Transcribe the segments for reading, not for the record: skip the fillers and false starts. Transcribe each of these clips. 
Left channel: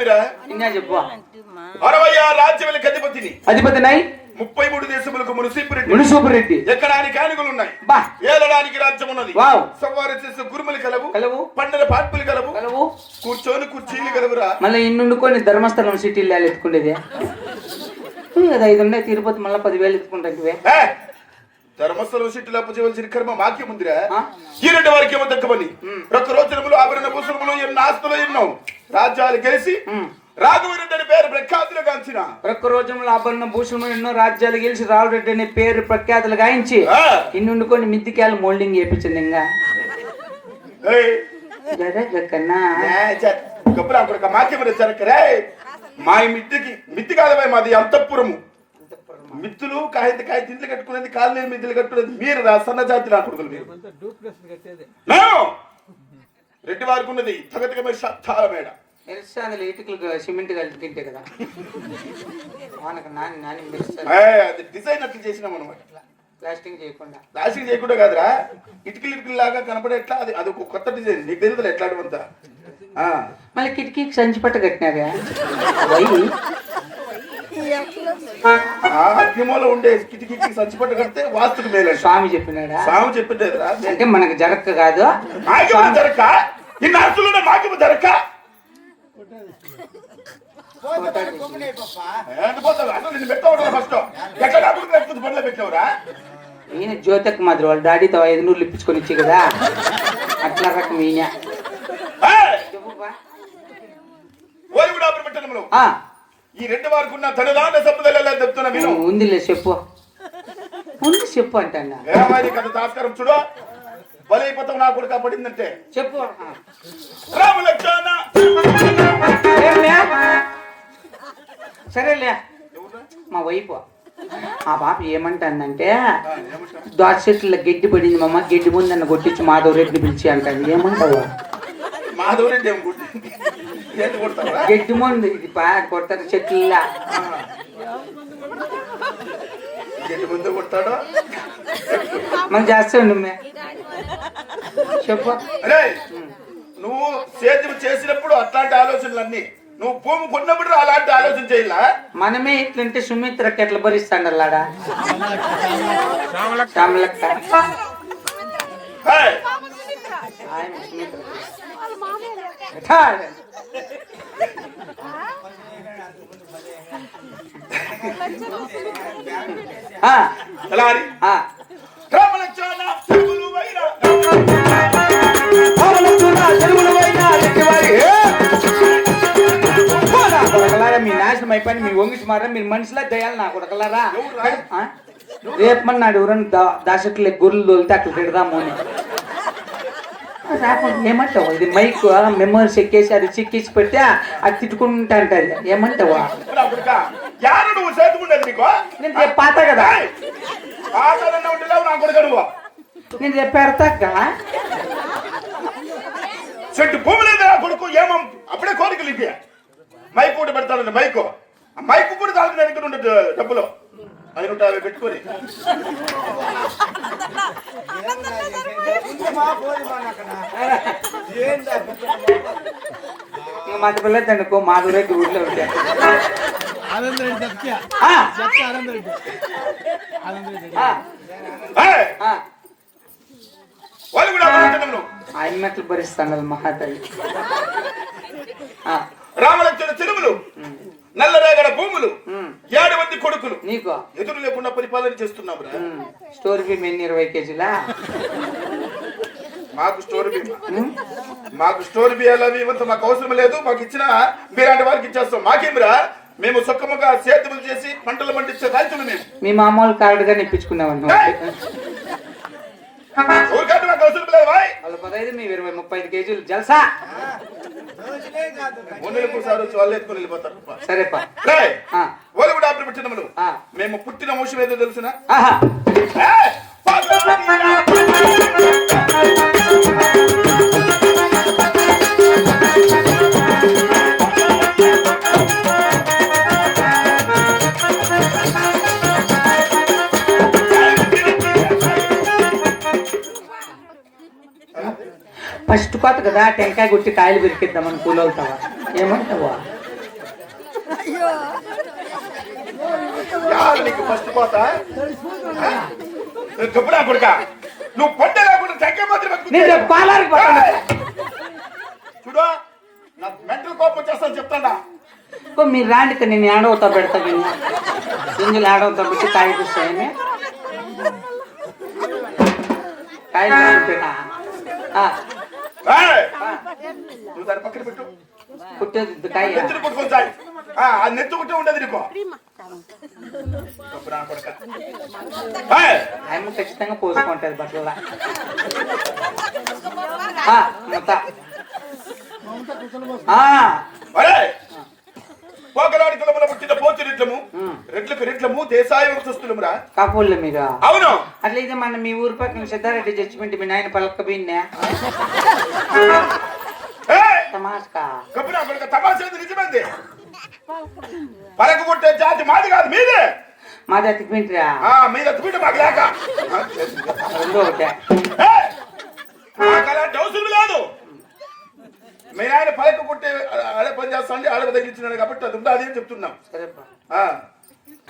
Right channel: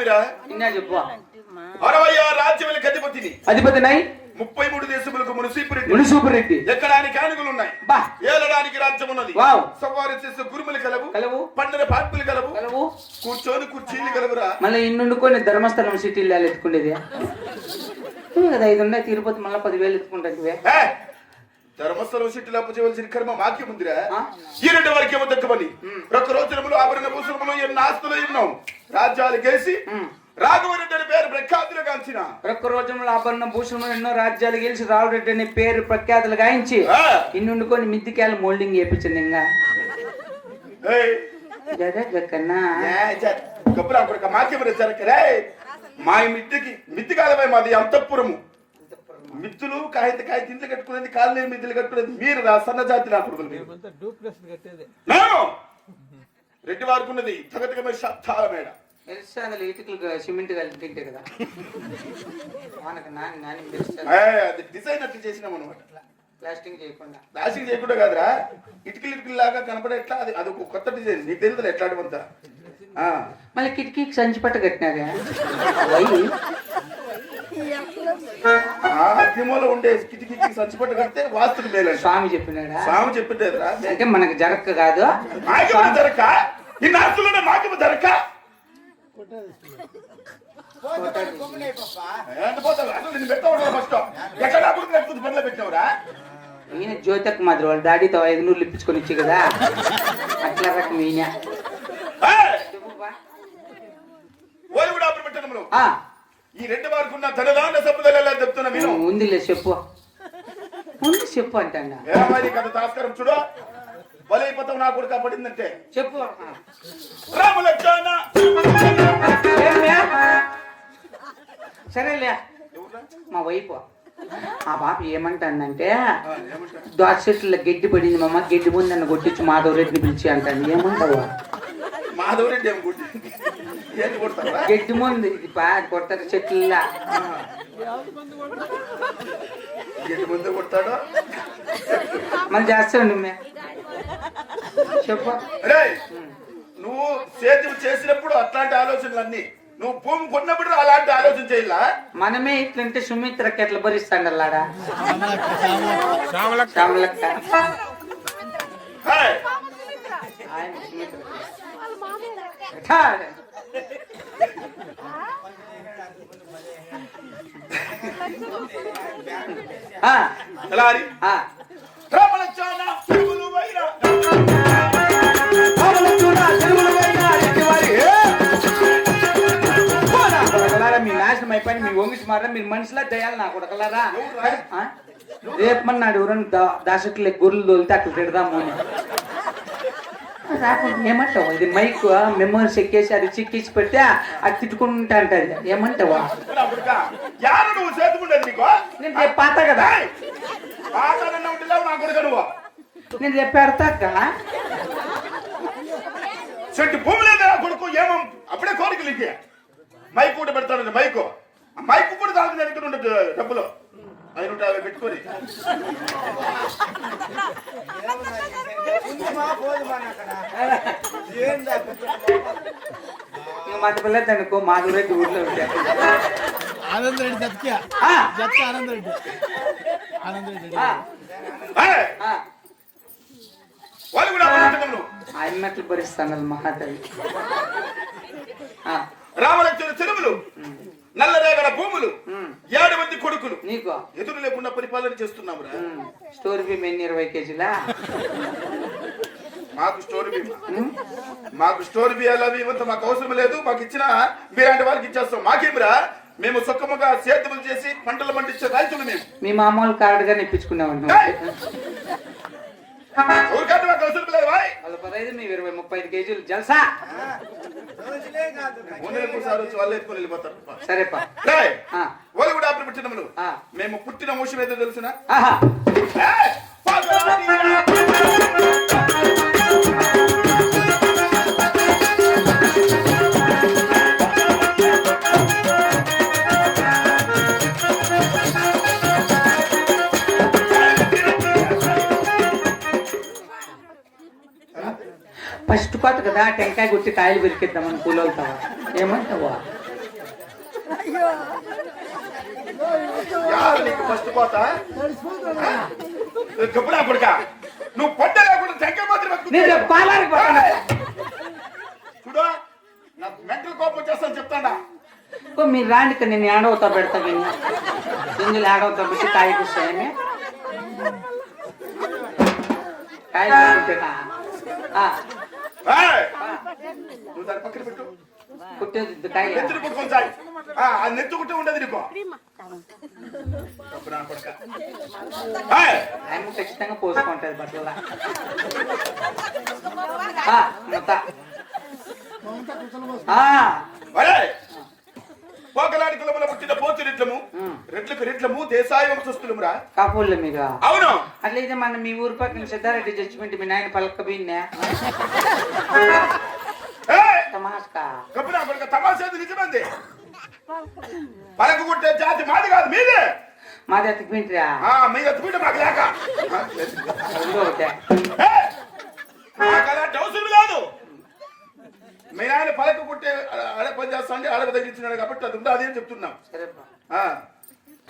వినేవిరా ఇన్నా చెప్పు 66 రాజ్యములకు అధిపతినై 33 దేశములకు మునిసూపురెడ్డి ఎక్కడానికి ఆనుగులు ఉన్నాయి బా ఏలడానికి రాజ్యం ఉన్నది వావ్ సవారి చేసే గురుములు కలవు పండుగ పార్పులు కలవు కూర్చొని కుర్చీలు కలవురా మళ్ళీ ఇన్నుండుకొని ధర్మస్థలం సిటీలో ఎత్తుకునేది కదా 5 ఉన్నాయి తిరుపతి మళ్ళీ 10,000 ఎత్తుకుంటే ధర్మస్థలం సిటీలో అప్పచేవలసిన కర్మ మాకే ముందిరా ఈ 2 వరకు ఏమో దక్కమని రక్తరోచనములు ఆభరణ భూషణములు ఎన్నో ఆస్తులు ఎన్నో రాజ్యాలు గెలిచి రాఘవరెడ్డి అనే పేరు ప్రఖ్యాతులు గాంచిన ప్రక్కరోజంలో ఆభరణ భూషణములు ఎన్నో రాజ్యాలు గెలిచి రాఘవరెడ్డి అనే పేరు ప్రఖ్యాతులు గాయించి ఇన్నుండుకొని మిద్దికాయలు మోల్డింగ్ చేయించింది ఇంకా మాకే జరగరే మా మిద్ది కాదమై మాది అంతఃపురము మిత్తులు కాహిత ఇంట్లో కట్టుకునేది కాళ్ళు మిద్దులు కట్టుకునేది మీరు సన్న జాతి నా కొడుకులు మీరు రెడ్డి వారికి ఉన్నది తగతికమైన శబ్దాల మేడ ఇటుకలు సిమెంట్ కలిపి తింటే కదా అది డిజైన్ అట్లా చేసినాం అనమాట ప్లాస్టింగ్ చేయకుండా కాదురా ఇటుకలు లాగా కనపడే ఎట్లా అది ఒక కొత్త డిజైన్ నీకు తెలుగుదా ఎట్లాంటివంతా మళ్ళీ కిటికీకి సంచి పట్ట కట్టినారా అగ్నిమూల ఉండే కిటికీకి సంచి పట్ట కడితే వాస్తుకు మేలు స్వామి చెప్పినాడా స్వామి చెప్పితే అంటే మనకు జరక్క కాదు జరక ఈ నాస్తులు మాకేమో జరక ఈయన జ్యోతిక్ మాదిరి వాళ్ళ డాడీతో 500 ఇప్పించుకొని వచ్చి కదా అట్లా రకం ఈయన ఈ 2 వారికి ఉన్న ధనదాన సంపదలు చెప్తున్నా మీరు ఉందిలే చెప్పు అంటే కథ తాస్కరం చూడు బలైపోతాం నా కొడుకు పడిందంటే చెప్పు సరేలే మా వైపు ఆ పాప ఏమంటానంటే దోశ చెట్ల గడ్డి పడింది మమ్మ గడ్డి ముందు నన్ను కొట్టించి మాధవరెడ్డిని పిలిచి అంటాను ఏమంటావు మాధవరెడ్డి గడ్డి ముందు ఇది కొట్టదు చెట్ల గడ్డి ముందు కొట్టాడు మనం చేస్తాండి చెప్పు నువ్వు సేద్యం చేసినప్పుడు అట్లాంటి ఆలోచనలన్నీ నువ్వు భూమి కొన్నప్పుడు అలాంటి ఆలోచన చేయాల మనమే ఇట్లంటే సుమిత్రకి ఎట్లా భరిస్తాడు అలాడా మీ నాశనం అయిపోయి మీ వంగిసి మారా మీరు మనిషిలా దయాలి నా కొడకలారా రేపమన్నాడు ఎవరన్నా దాసకులే గొర్రెలు తోలితే అట్లా పెడదాము అని రాకుండా ఏమంటావు ఇది మైక్ మెమోరీస్ ఎక్కేసి అది చిక్కేసి పెడితే అది తిట్టుకుంటా అంటది ఏమంటావా నేను పాత కదా నేను రేపు పెడతాక చెట్టు భూమి లేదా కొడుకు ఏమో అప్పుడే కోరికలు ఇద్దా మైక్ కూడా పెడతాను మైక్ కూడా దాని దగ్గర ఉండదు డబ్బులు 550 పెట్టుకొని మత పిల్లలు అనుకో మాధురెడ్డి ఊర్లో ఉంటాయి ఆయన మెట్లు భరిస్తాను మహాతల్లి రామలక్ష్మణ చెరువులు నల్లరేగడ భూములు 7 మంది కొడుకులు నీకు ఎదురు లేకుండా పరిపాలన చేస్తున్నాము స్టోర్ బీమ్ ఎన్ని 20 కేజీలా మాకు స్టోర్ బియ్యాలు అవి ఇవ్వంత మాకు అవసరం లేదు మాకు ఇచ్చిన మీలాంటి వాళ్ళకి ఇచ్చేస్తాం మాకేమిరా మేము సొక్కముగా సేద్యములు చేసి పంటలు పండించే రైతులు మేము మీ మామూలు కార్డుగా ఇప్పించుకున్నాం వాళ్ళ 15 మీ 20-35 కేజీలు జల్సా సరేపా వాళ్ళు కూడా అప్పుడు పెట్టినములు మేము పుట్టిన మోసం ఏదో తెలుసునా ఫస్ట్ కోత కదా టెంకాయ గుట్టి కాయలు పెరికిద్దామని కూలవుతావా ఏమంటావా నీకు ఫస్ట్ పోతా గబ్బులా కొడుక నువ్వు పొట్ట లేకుండా టెంకాయ మాత్రం నేను పాలారికి పోతాను. చూడు నాకు మెంటల్ కోపం వచ్చేస్తాను చెప్తాడా మీరు రాండి నేను ఏడవుతా పెడతా గింజలు ఏడవుతా పెట్టి కాయపిస్తాయని కాయనా నువ్వు దాని పక్కన పెట్టు పుట్టేది కాయ నెత్తులు కొట్టుకొని సాయి అది నెత్తుకుంటే ఉండదు నీకు ఆయన ఖచ్చితంగా పోసుకుంటది బట్టల పోకలాడి కులముల పుట్టిన పోతు రెట్లము రెట్లకు రెట్లము దేశాయం చూస్తున్నామురా కాపుల్ల మీరు. అవును అట్లయితే మన మీ ఊరు పక్కన సిద్ధారెడ్డి జడ్జిమెంట్ మీ నాయన పలక బిన్నే తమాస్కా తమాషా నిజమైంది పలక కొట్టే జాతి మాది కాదు మీదే మాది ఎత్తిపోయిందిరా మీరు ఎత్తుకుంటే మాకు లేక రెండో ఒకటే మాకు అలాంటి అవసరం కాదు మీ ఆయన పలక కొట్టే ఆడ పని చేస్తాండి ఆడ తగ్గించినాడు కాబట్టి అది ఉందా అదేం చెప్తున్నాం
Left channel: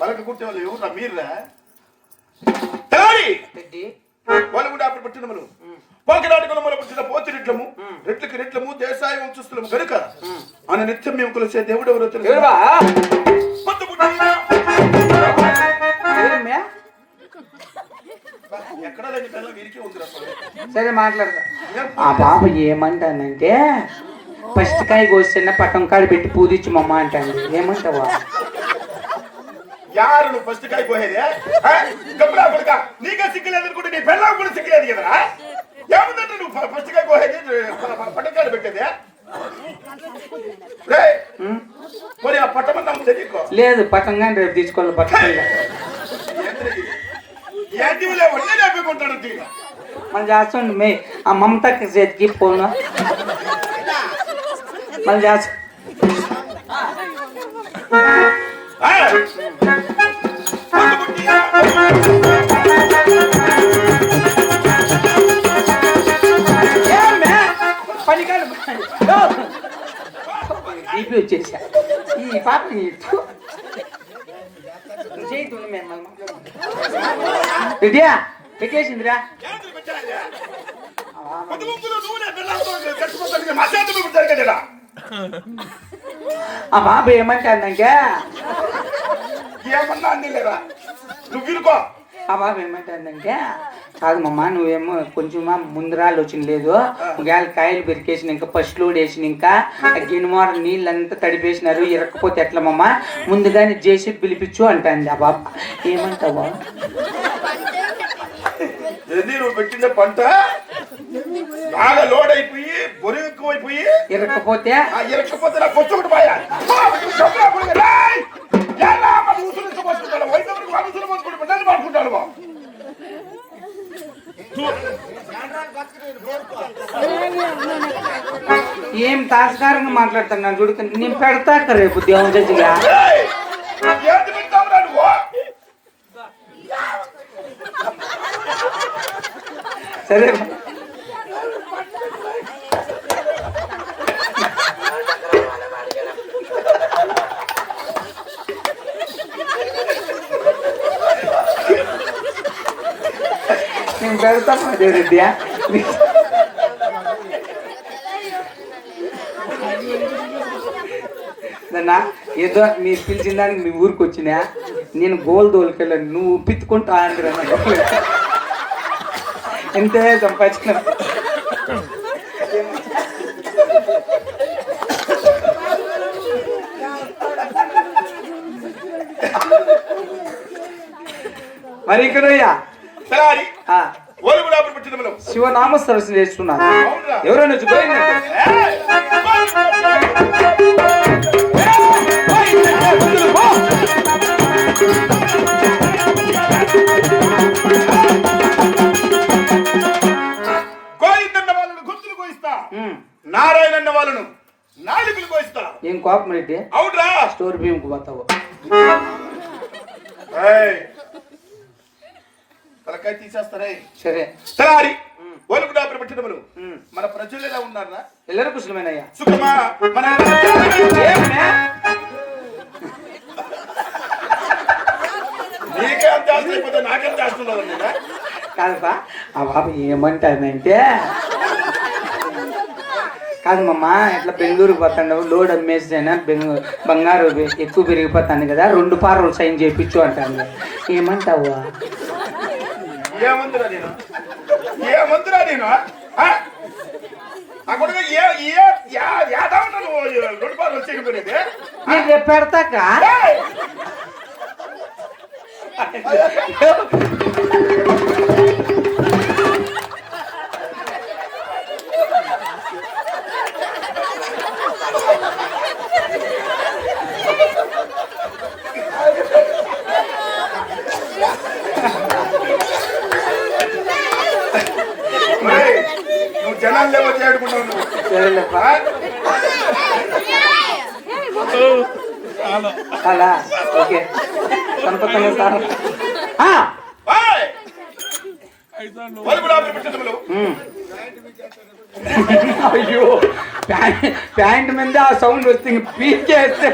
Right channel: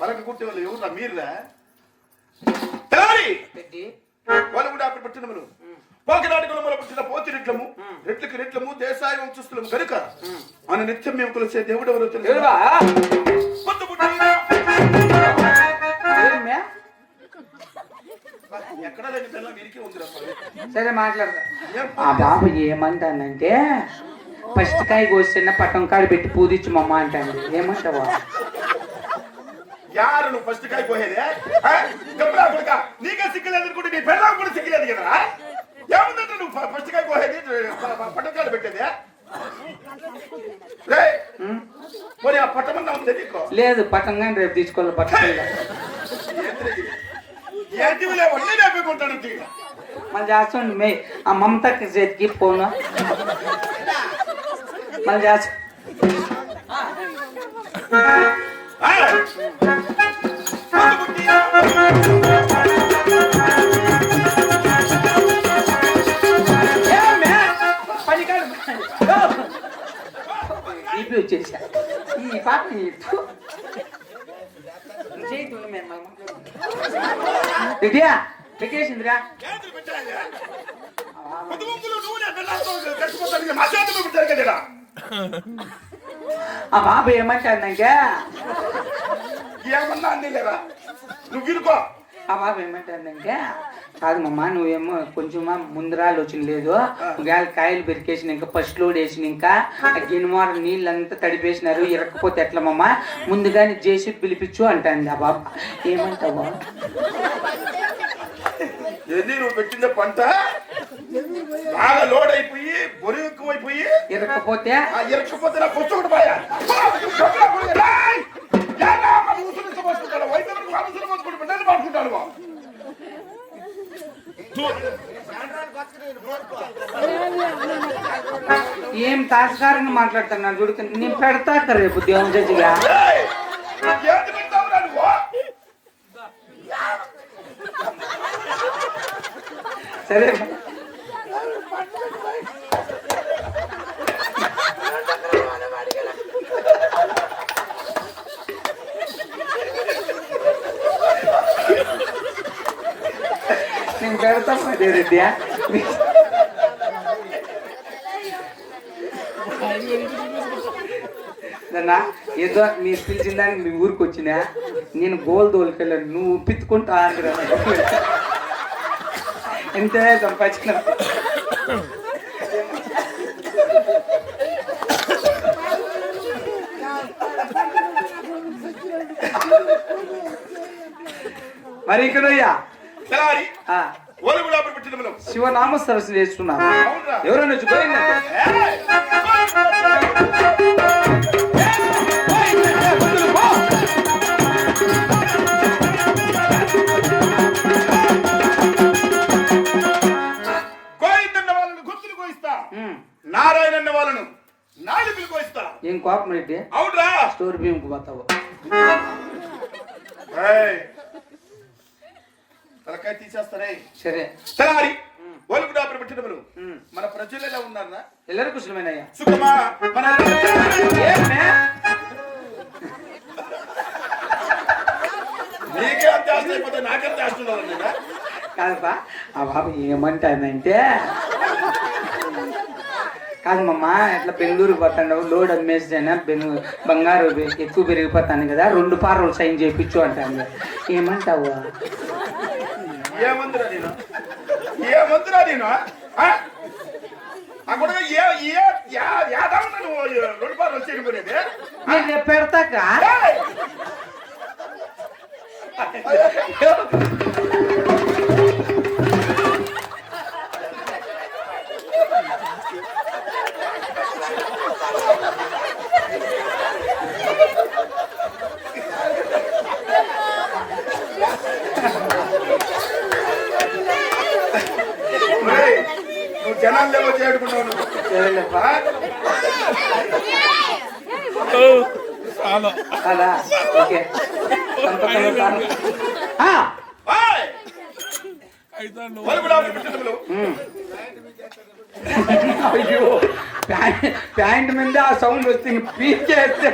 పలక కొట్టే వాళ్ళు ఎవరురా మీరురా వాళ్ళు కూడా అప్పుడు పుట్టినములు పోకినాటి కులములు పుట్టిన పోతి రెట్లము రెట్లకి రెట్లము దేశాయ వంశస్థులము కనుక అని నిత్యం మేము కొలిసే దేవుడు ఎవరో ఎక్కడ సరే మాట్లాడతా. ఆ బాబు ఏమంటానంటే ఫస్ట్ కాయ కోసిన పట్టం కాడ పెట్టి పూదిచ్చు మమ్మ అంటాను. ఏమంటావా యారు నువ్వు ఫస్ట్ కాయ కోసేదే గబ్బులా కొడుక నీకే సిగ్గులేదు అనుకుంటే నీ పెళ్ళాం కూడా సిగ్గులేదు కదా ఏముందంటే నువ్వు ఫస్ట్ కాయ కోసేది పట్టం కాడ పెట్టేదే మరి ఆ పట్టమన్నా ఉంది నీకు లేదు పట్టం కానీ రేపు తీసుకోవాలి పట్టం మళ్ళీ చేస్తాండి మే ఆ మమతకి చేతికి పోను మళ్ళీ చేస్తా బీపీ వచ్చేసా ఈ పాప చేయకుండా మేము రెడీయా పెట్టేసిందిరా ఆ బాబు ఏమంటాందంటే ఏమన్నా అంది లేదా నువ్వు వినుకో ఆ బాబు ఏమంటాందంటే కాదు మమ్మ నువ్వేమో కొంచెమా ముందరాలు వచ్చిన లేదు గాలి కాయలు పెరికేసిన ఇంకా ఫస్ట్ లోడ్ వేసిన ఇంకా గిన్నెమార నీళ్ళంతా తడిపేసినారు ఇరక్కపోతే ఎట్లమ్మా ముందుగానే చేసి పిలిపించు అంటాంది ఆ బాబు. ఏమంటావా నువ్వు పెట్టిన పంట బాగా లోడ్ అయిపోయి బొరి ఎక్కువైపోయి ఇరక్కపోతే నా పొచ్చు కూడా పోయా పడుకుంటాను ఏం తాత్కారంగా మాట్లాడుతున్నాను చూడు నేను పెడతా రేపు దేవుని జడ్జిగా సరే నేను పెడతా రెడ్డియా నన్నా ఏదో మీరు పిలిచిన దానికి మీ ఊరికి వచ్చినా నేను గోల్ దోలుకెళ్ళాను నువ్వు పిత్తుకుంటా ఆంధ్ర ఎంతే సంపాదించిన మరి ఇక్కడయ్యా శివనామ సరస్సు చేస్తున్నారు ఎవరైనా గోవిందన్న వాళ్ళను గుర్తులు కోయిస్తా నారాయణన్న వాళ్ళను నాలుగులు కోయిస్తా. ఏం కోపం రెడ్డి అవుట్రా స్టోర్ బియ్యంకు పోతావు తలకాయ తీసేస్తారే సరే తలారి ఒలుగు డాబర్ పెట్టడములు మన ప్రజలు ఎలా ఉన్నారా ಎಲ್ಲರೂ ಕುಶಲಮೇನಯ್ಯ సుఖమా మన నాకేం చేస్తున్నావు నేను కాదబ్బా ఆ బాబు ఏమంటానంటే కాదు మమ్మ ఇట్లా బెంగళూరుకి పోతాండవు లోడ్ అమ్మేస్తేనా బంగారు ఎక్కువ పెరిగిపోతాను కదా 2 పార్లు సైన్ చేయించు అంటాను ఏమంటావు ఏమంతురా నేను రెండు పాలు వచ్చేది నేను రేపు పెడతాక నువ్వు జనాలు లేవో చేడుకుంటావు అలా ఓకే అయ్యో ప్యాంట్ మీద ఆ సౌండ్ వస్తుంది పీకేస్తే